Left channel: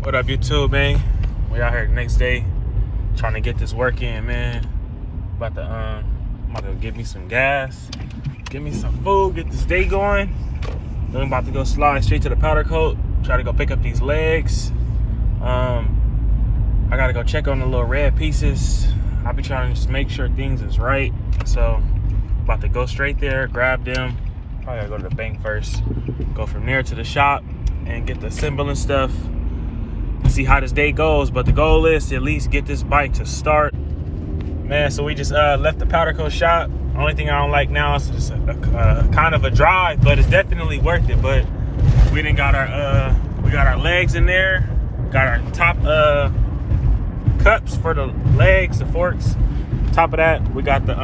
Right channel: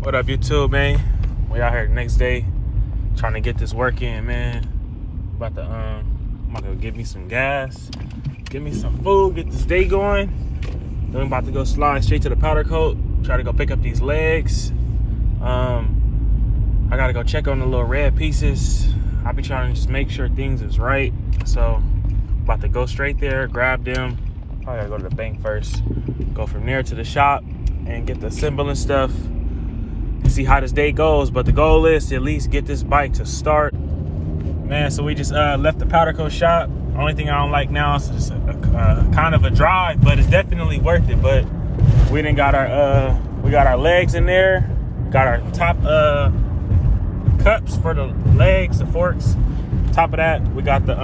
What up, YouTube, man? We out here the next day trying to get this work in, man. I'm about to go get me some gas, get me some food, get this day going. Then I'm about to go slide straight to the powder coat, try to go pick up these legs. I gotta go check on the little red pieces. I'll be trying to just make sure things is right. So about to go straight there, grab them. Probably gotta go to the bank first, go from there to the shop and get the assembling stuff and see how this day goes. But the goal is to at least get this bike to start, man. So we just left the powder coat shop. Only thing I don't like now is it's a kind of a drive, but it's definitely worth it. But we didn't got our legs in there, got our top cups for the legs, the forks. Top of that, we got the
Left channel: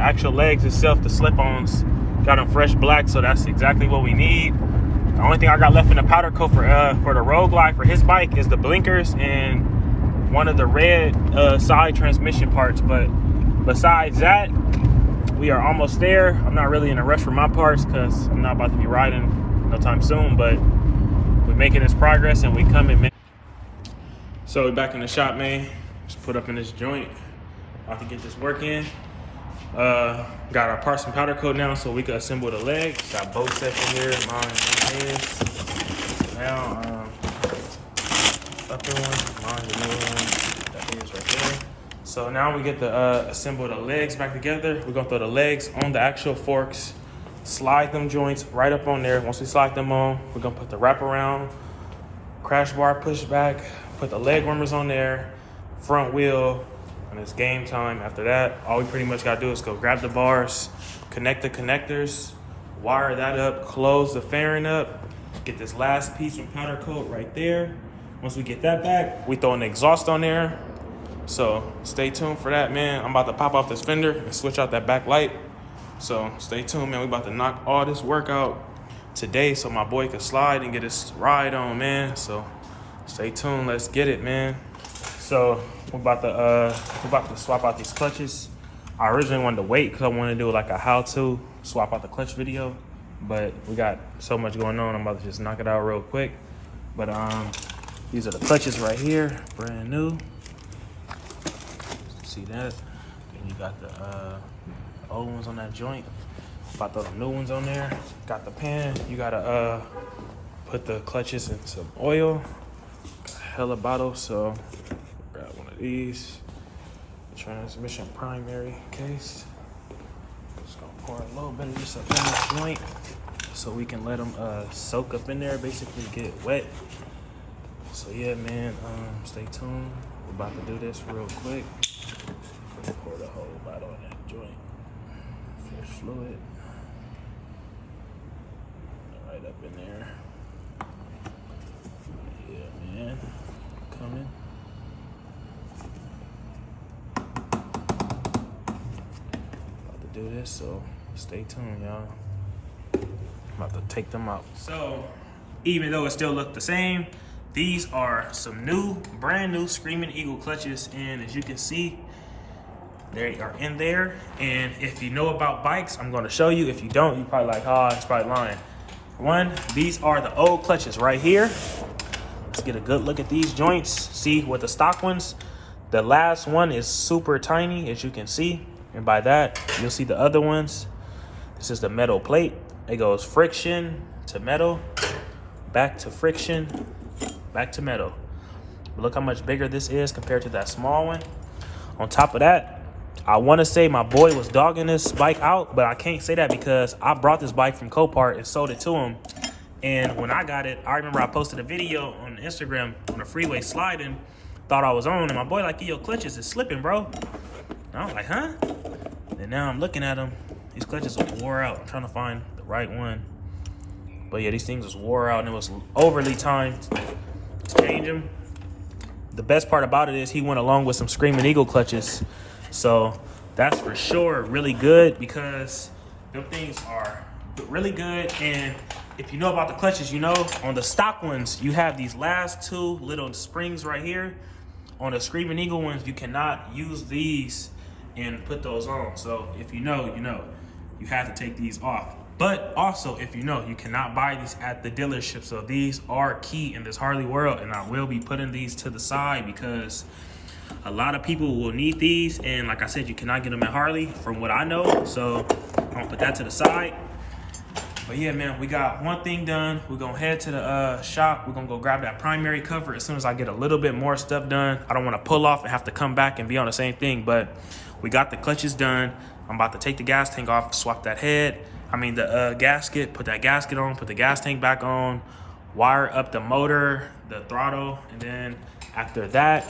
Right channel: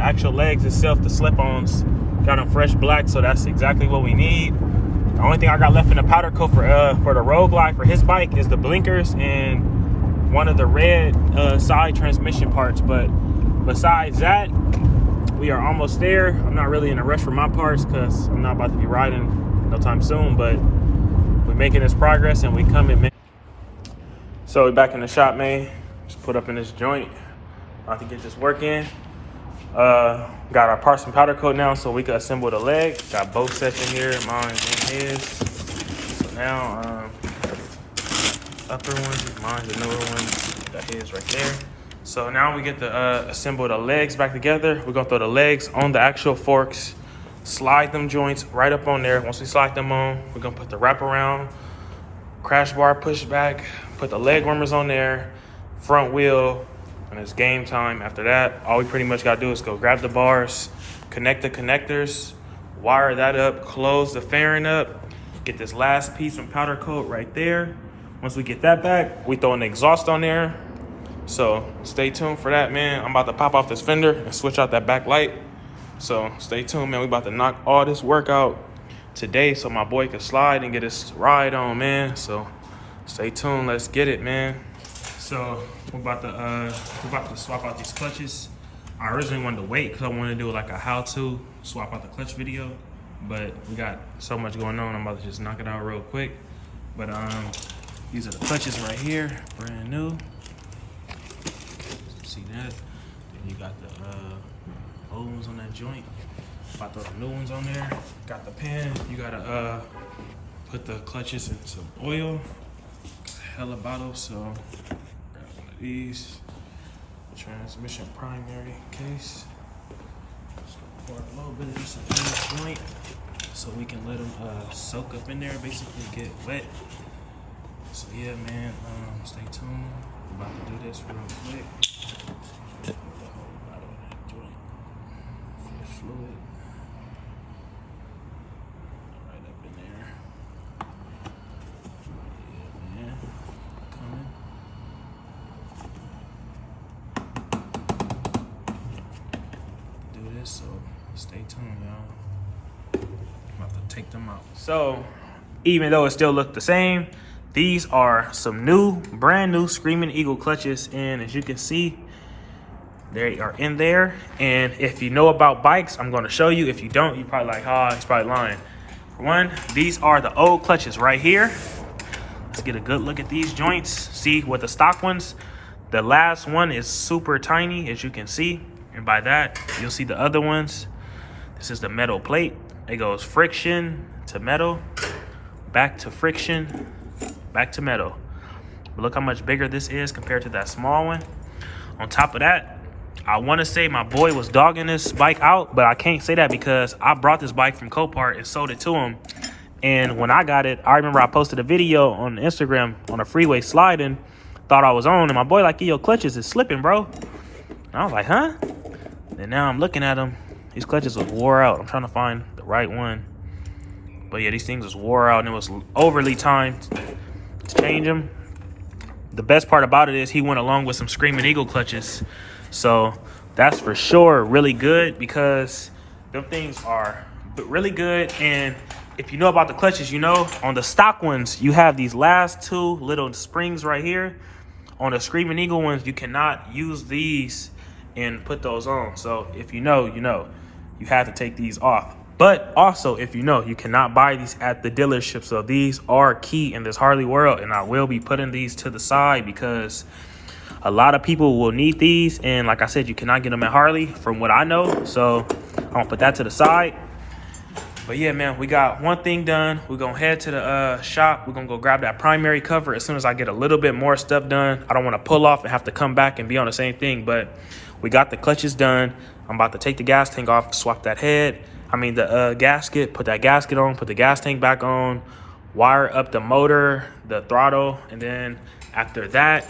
actual legs itself, the slip-ons. Got them fresh black, so that's exactly what we need. The only thing I got left in the powder coat for the Road Glide for his bike is the blinkers and one of the red side transmission parts. But besides that, we are almost there. I'm not really in a rush for my parts because I'm not about to be riding no time soon, but we're making this progress and we coming, man. So we're back in the shop, man. Just put up in this joint. About to get this work in. Got our parts and powder coat now so we can assemble the legs. Got both sets in here, mine and his. So now, upper one, mine's the newer one, that is right there. So now we get to assemble the legs back together. We're gonna throw the legs on the actual forks, slide them joints right up on there. Once we slide them on, we're gonna put the wraparound, crash bar push back, put the leg warmers on there, front wheel, and it's game time. After that, all we pretty much gotta do is go grab the bars, connect the connectors, wire that up, close the fairing up, get this last piece from powder coat right there. Once we get that back, we throw an exhaust on there. So stay tuned for that, man. I'm about to pop off this fender and switch out that back light. So stay tuned, man. We about to knock all this work out today so my boy can slide and get his ride on, man. So stay tuned, let's get it, man. So we're about to swap out these clutches. I originally wanted to wait because I wanted to do like a how-to swap out the clutch video, but we got so much going on. I'm about to just knock it out real quick. But these are the clutches right here, brand new. See that? Then you got the old ones on that joint. About those new ones on there. Got the pan. You gotta put the clutches in some oil. Got a hella bottle, so these transmission primary case. Just gonna pour a little bit of this up in this joint so we can let them soak up in there, basically get wet. So yeah, man, stay tuned. We're about to do this real quick. Pour the whole bottle in that joint. Fresh fluid. Right up in there. Yeah, man. Coming. Do this, so stay tuned, y'all. I'm about to take them out. So even though it still look the same, these are some new, brand new Screaming Eagle clutches, and as you can see, they are in there. And if you know about bikes, I'm going to show you. If you don't, you're probably like, oh, he's probably lying. For one, these are the old clutches right here. Let's get a good look at these joints. See, with the stock ones, the last one is super tiny, as you can see. And by that, you'll see the other ones. This is the metal plate. It goes friction to metal, back to friction, back to metal. But look how much bigger this is compared to that small one. On top of that, I want to say my boy was dogging this bike out, but I can't say that because I brought this bike from Copart and sold it to him. And when I got it, I remember I posted a video on Instagram on a freeway sliding, thought I was on, and my boy like, your clutches is slipping, bro. And I was like, huh? And now I'm looking at them. These clutches was wore out. I'm trying to find the right one. But yeah, these things was wore out and it was overly timed to change them. The best part about it is he went along with some Screaming Eagle clutches. So that's for sure really good because them things are really good. And if you know about the clutches, you know on the stock ones, you have these last two little springs right here. On the Screaming Eagle ones, you cannot use these and put those on. So if you know, you know, you have to take these off. But also, if you know, you cannot buy these at the dealership. So these are key in this Harley world. And I will be putting these to the side because a lot of people will need these. And like I said, you cannot get them at Harley from what I know. So I'm gonna put that to the side. But yeah, man, we got one thing done. We're gonna head to the shop. We're gonna go grab that primary cover as soon as I get a little bit more stuff done. I don't wanna pull off and have to come back and be on the same thing, but we got the clutches done. I'm about to take the gas tank off, swap that the gasket, put that gasket on, put the gas tank back on, wire up the motor, the throttle, and then after that,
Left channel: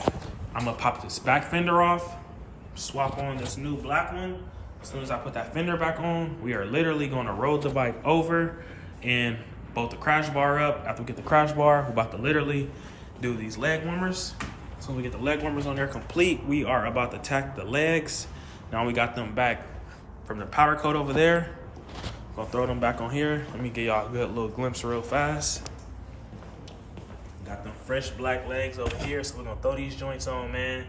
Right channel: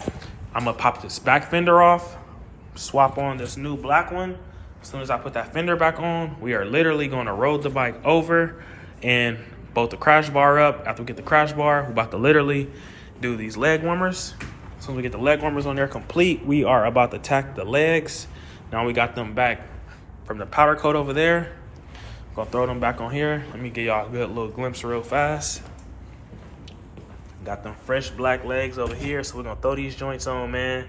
I'm gonna pop this back fender off, swap on this new black one. As soon as I put that fender back on, we are literally gonna roll the bike over and bolt the crash bar up. After we get the crash bar, we're about to literally do these leg warmers. As soon as we get the leg warmers on there complete, we are about to tack the legs. Now we got them back from the powder coat over there. Gonna throw them back on here. Let me give y'all a good little glimpse real fast. Got them fresh black legs over here, so we're gonna throw these joints on, man.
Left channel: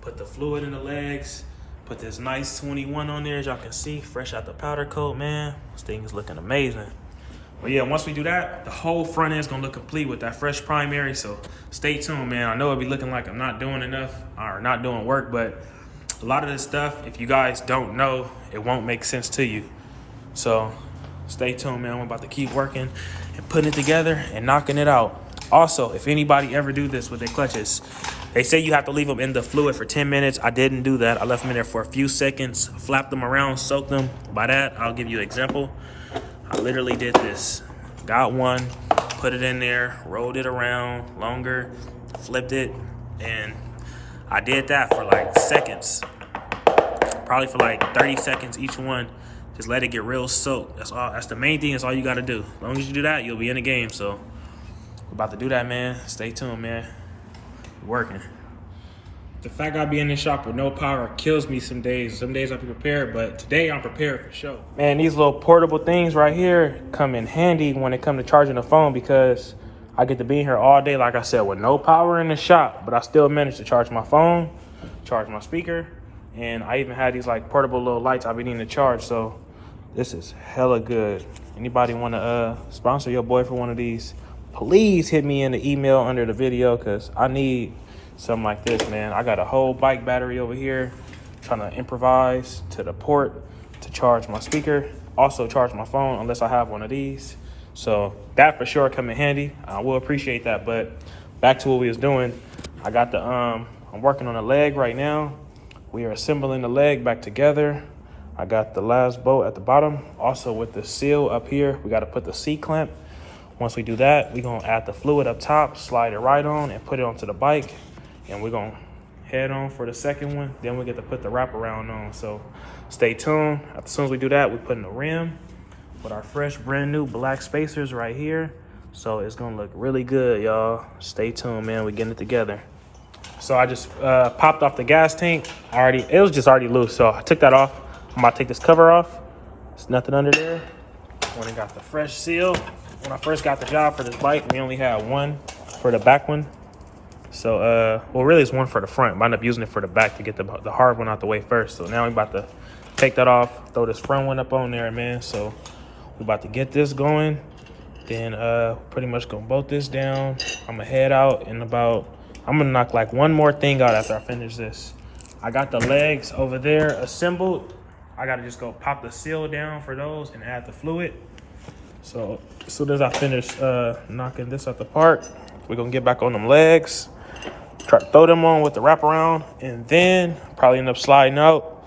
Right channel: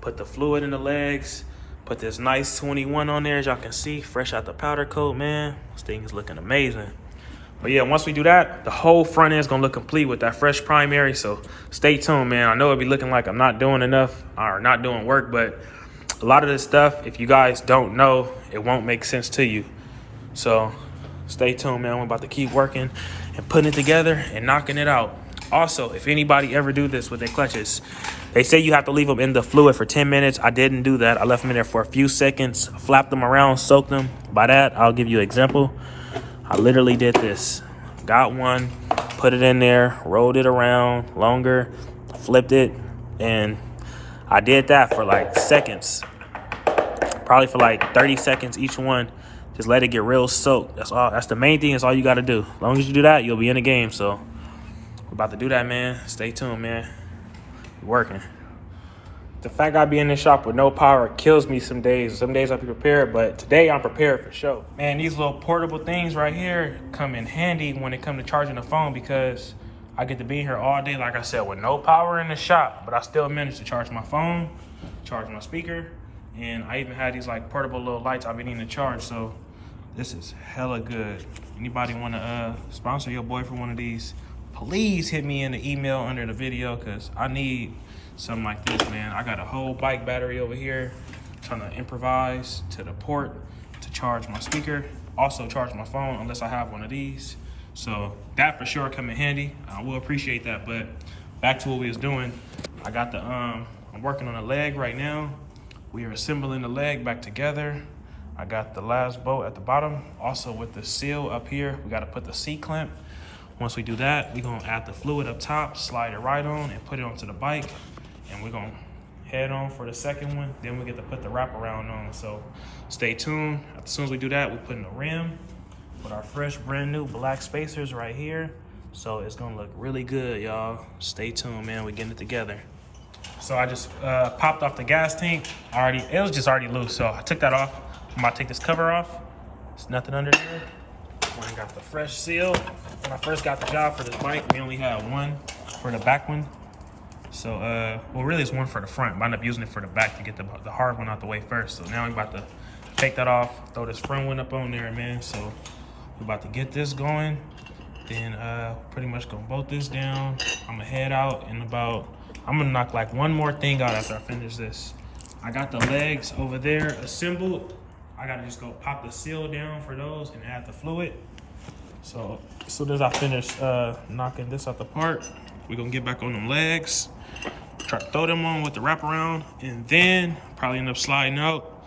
Put the fluid in the legs. Put this nice 21 on there, as y'all can see, fresh out the powder coat, man. This thing is looking amazing. But yeah, once we do that, the whole front end is gonna look complete with that fresh primary. So stay tuned, man. I know it'll be looking like I'm not doing enough or not doing work, but a lot of this stuff, if you guys don't know, it won't make sense to you. So stay tuned, man. We're about to keep working and putting it together and knocking it out. Also, if anybody ever do this with their clutches, they say you have to leave them in the fluid for 10 minutes. I didn't do that. I left them in there for a few seconds, flapped them around, soaked them. By that, I'll give you an example. I literally did this. Got one, put it in there, rolled it around longer, flipped it, and I did that for like seconds. Probably for like 30 seconds each one. Just let it get real soaked. That's all. That's the main thing. That's all you got to do. As long as you do that, you'll be in the game. So we're about to do that, man. Stay tuned, man. We're working. The fact I be in this shop with no power kills me some days. Some days I be prepared, but today I'm prepared for sure. Man, these little portable things right here come in handy when it comes to charging the phone because I get to be in here all day, like I said, with no power in the shop, but I still manage to charge my phone, charge my speaker, and I even had these like portable little lights I've been needing to charge, so this is hella good. Anybody want to sponsor your boy for one of these? Please hit me in the email under the video because I need something like this, man. I got a whole bike battery over here, trying to improvise to the port to charge my speaker, also charge my phone unless I have one of these. So that for sure come in handy. I will appreciate that. But back to what we was doing. I got the I'm working on a leg right now. We are assembling the leg back together. I got the last bolt at the bottom. Also with the seal up here, we got to put the C-clamp. Once we do that, we're gonna add the fluid up top, slide it right on and put it onto the bike. And we're gonna head on for the second one. Then we get to put the wraparound on. So stay tuned. As soon as we do that, we put in the rim with our fresh brand new black spacers right here. So it's gonna look really good, y'all. Stay tuned, man. We're getting it together. So I just popped off the gas tank. It was just already loose, so I took that off. I'm about to take this cover off. There's nothing under there. And we got the fresh seal. When I first got the job for this bike, we only had one for the back one. So, well, really it's one for the front. I ended up using it for the back to get the hard one out the way first. So now we're about to take that off, throw this front one up on there, man. So we're about to get this going. Then pretty much gonna bolt this down. I'm gonna head out in about, I'm gonna knock like one more thing out after I finish this. I got the legs over there assembled. I gotta just go pop the seal down for those and add the fluid. So as soon as I finish knocking this out the park, we're gonna get back on them legs, try to throw them on with the wraparound, and then probably end up sliding out,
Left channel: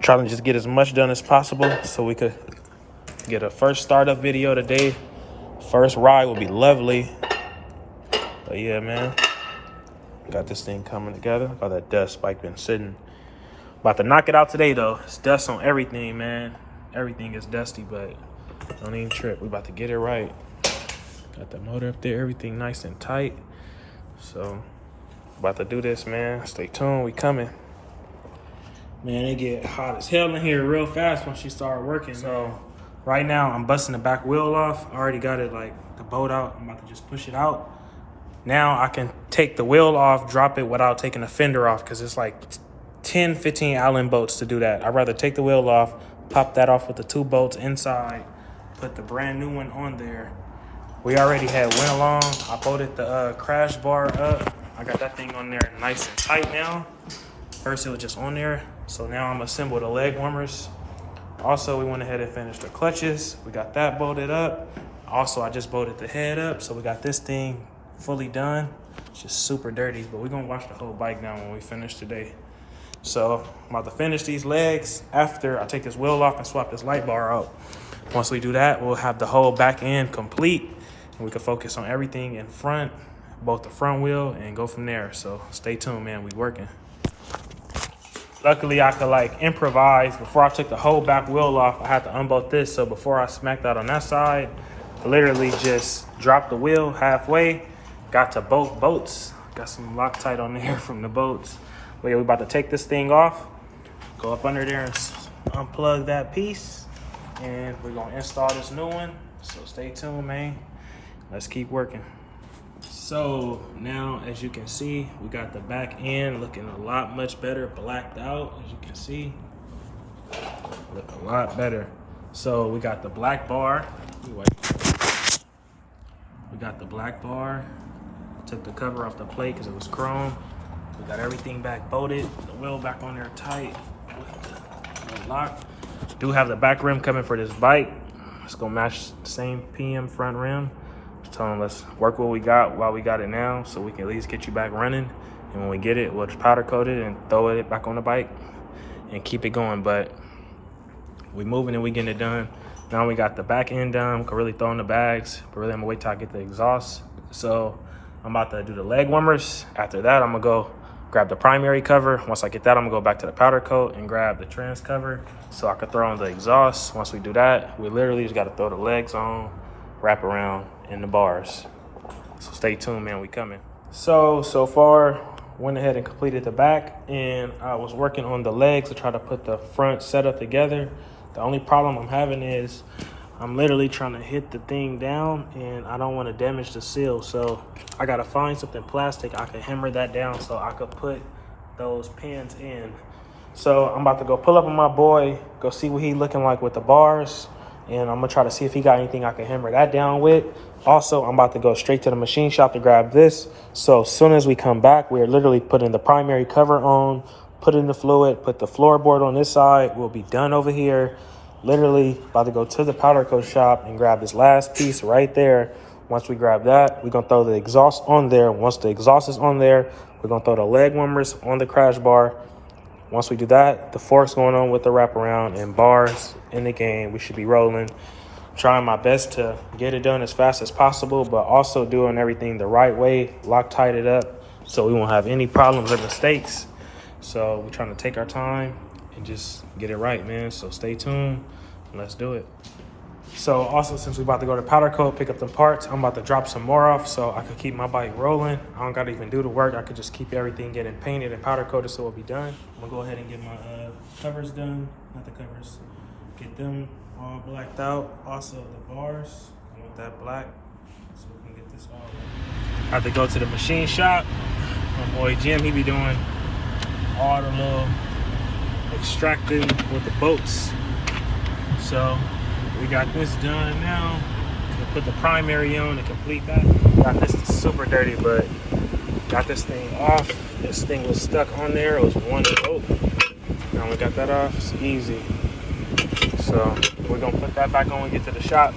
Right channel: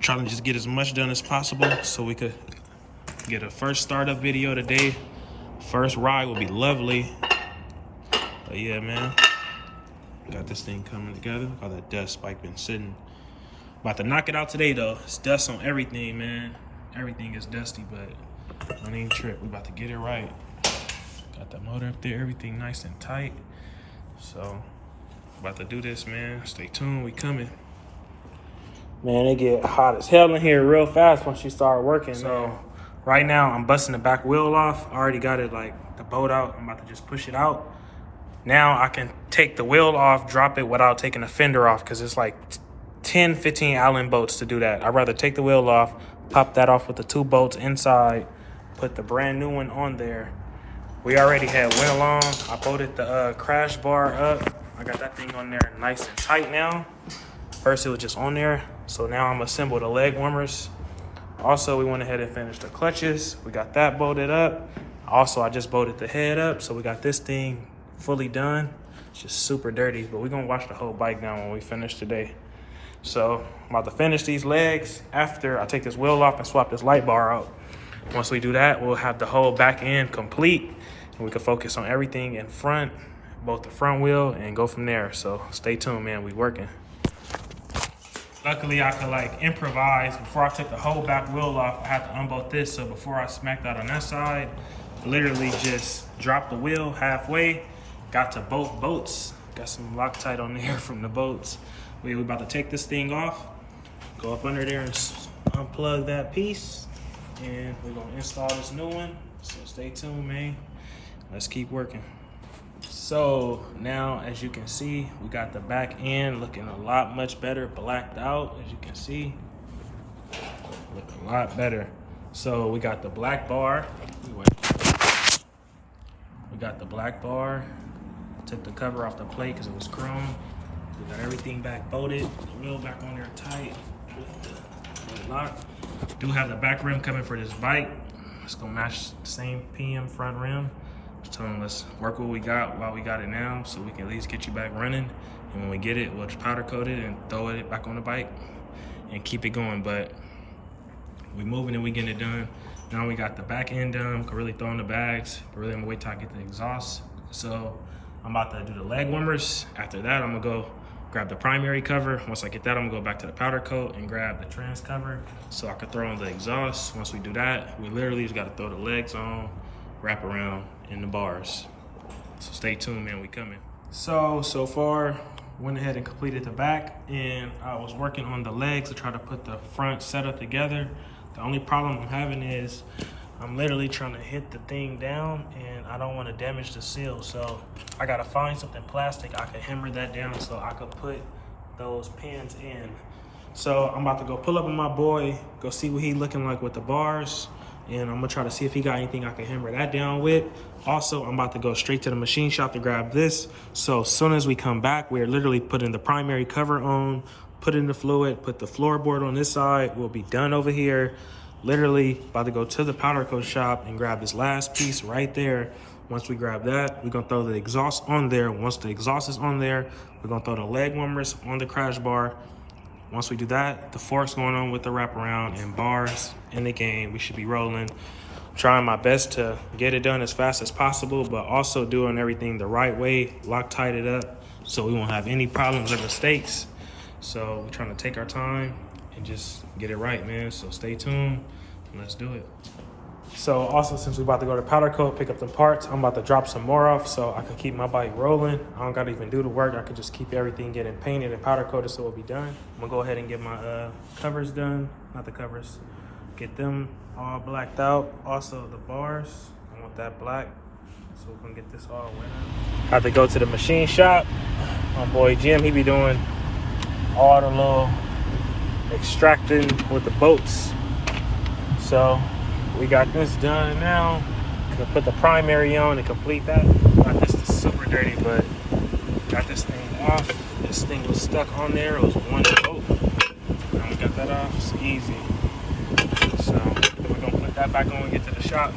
trying to just get as much done as possible so we could get a first startup video today. First ride will be lovely. But yeah, man, got this thing coming together. All that dust bike been sitting. About to knock it out today though. It's dust on everything, man. Everything is dusty, but don't even trip. We about to get it right. Got the motor up there, everything nice and tight. So about to do this, man. Stay tuned, we coming. Man, it get hot as hell in here real fast once you start working. So right now I'm busting the back wheel off. I already got it like the bolt out. I'm about to just push it out. Now I can take the wheel off, drop it without taking the fender off because it's like 10, 15 Allen bolts to do that. I'd rather take the wheel off, pop that off with the 2 bolts inside, put the brand new one on there. We already had went along. I bolted the crash bar up. I got that thing on there nice and tight now. First it was just on there. So now I'm assembled the leg warmers. Also, we went ahead and finished the clutches. We got that bolted up. Also, I just bolted the head up. So we got this thing fully done. It's just super dirty, but we're gonna wash the whole bike down when we finish today. So I'm about to finish these legs after I take this wheel off and swap this light bar out. Once we do that, we'll have the whole back end complete and we can focus on everything in front, both the front wheel, and go from there. So stay tuned, man, we working. Luckily, I could like improvise. Before I took the whole back wheel off, I had to unbolt this. So before I smacked out on that side, I literally just dropped the wheel halfway, got to both boats. Got some Loctite on there from the boats. But yeah, we about to take this thing off, go up under there and unplug that piece, and we're gonna install this new one. So stay tuned, man. Let's keep working. So now, as you can see, we got the back end looking a lot much better, blacked out, as you can see. Look a lot better. So we got the black bar. We got the black bar. Took the cover off the plate because it was chrome. We got everything back bolted, the wheel back on there tight with the lock. Do have the back rim coming for this bike. It's gonna match the same PM front rim. Just telling them let's work what we got while we got it now so we can at least get you back running. And when we get it, we'll just powder coat it and throw it back on the bike and keep it going. But we moving and we getting it done. Now we got the back end done. We can really throw in the bags, but really I'm gonna wait till I get the exhaust. So I'm about to do the leg warmers. After that, I'm gonna go grab the primary cover. Once I get that, I'm gonna go back to the powder coat and grab the trans cover so I can throw on the exhaust. Once we do that, we literally just gotta throw the legs on, wrap around in the bars. So stay tuned, man, we coming. So far, went ahead and completed the back, and I was working on the legs to try to put the front setup together. The only problem I'm having is I'm literally trying to hit the thing down and I don't want to damage the seal. So I got to find something plastic. I can hammer that down so I could put those pins in. So I'm about to go pull up on my boy, go see what he looking like with the bars. And I'm gonna try to see if he got anything I can hammer that down with. Also, I'm about to go straight to the machine shop to grab this. So as soon as we come back, we're literally putting the primary cover on, put in the fluid, put the floorboard on this side. We'll be done over here. Literally about to go to the powder coat shop and grab this last piece right there. Once we grab that, we're gonna throw the exhaust on there. Once the exhaust is on there, we're gonna throw the leg warmers on the crash bar. Once we do that, the forks going on with the wraparound and bars in the game. We should be rolling. Trying my best to get it done as fast as possible, but also doing everything the right way, Loctite it up so we won't have any problems or mistakes. So we're trying to take our time and just get it right, man. So stay tuned. Let's do it. So also, since we're about to go to powder coat, pick up some parts, I'm about to drop some more off so I can keep my bike rolling. I don't gotta even do the work. I could just keep everything getting painted and powder coated so it'll be done. I'm gonna go ahead and get my covers done. Not the covers. Get them all blacked out. Also the bars, I want that black so we can get this all wet. I have to go to the machine shop. My boy Jim, he be doing all the little extracting with the boats. So we got this done now. We'll put the primary on to complete that. Got this is super dirty, but got this thing off. This thing was stuck on there. It was one boat. Now we got that off. It's easy. So we're gonna put that back on and get to the shop.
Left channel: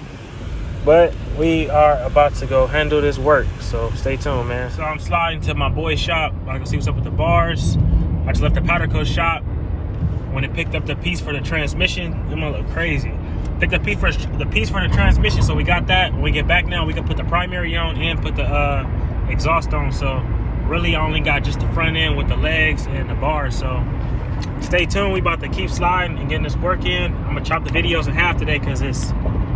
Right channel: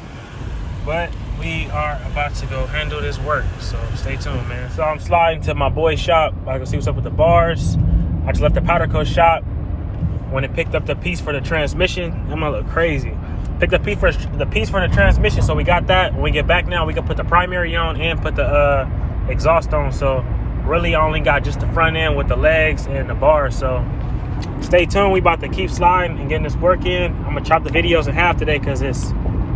But we are about to go handle this work. So stay tuned, man. So I'm sliding to my boy's shop. I can see what's up with the bars. I just left the powder coat shop. When it picked up the piece for the transmission, I'm gonna look crazy. Picked up the piece for the transmission, so we got that. When we get back now, we can put the primary on and put the exhaust on. So really, I only got just the front end with the legs and the bars. So stay tuned. We about to keep sliding and getting this work in. I'm gonna chop the videos in half today because it's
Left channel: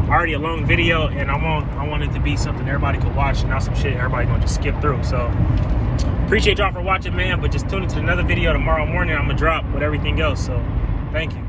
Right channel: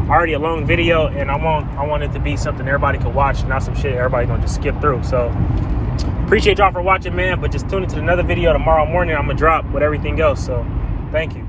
already a long video, and I want it to be something everybody can watch, not some shit everybody gonna just skip through. So appreciate y'all for watching, man. But just tune into another video tomorrow morning. I'm gonna drop with everything else. So thank you.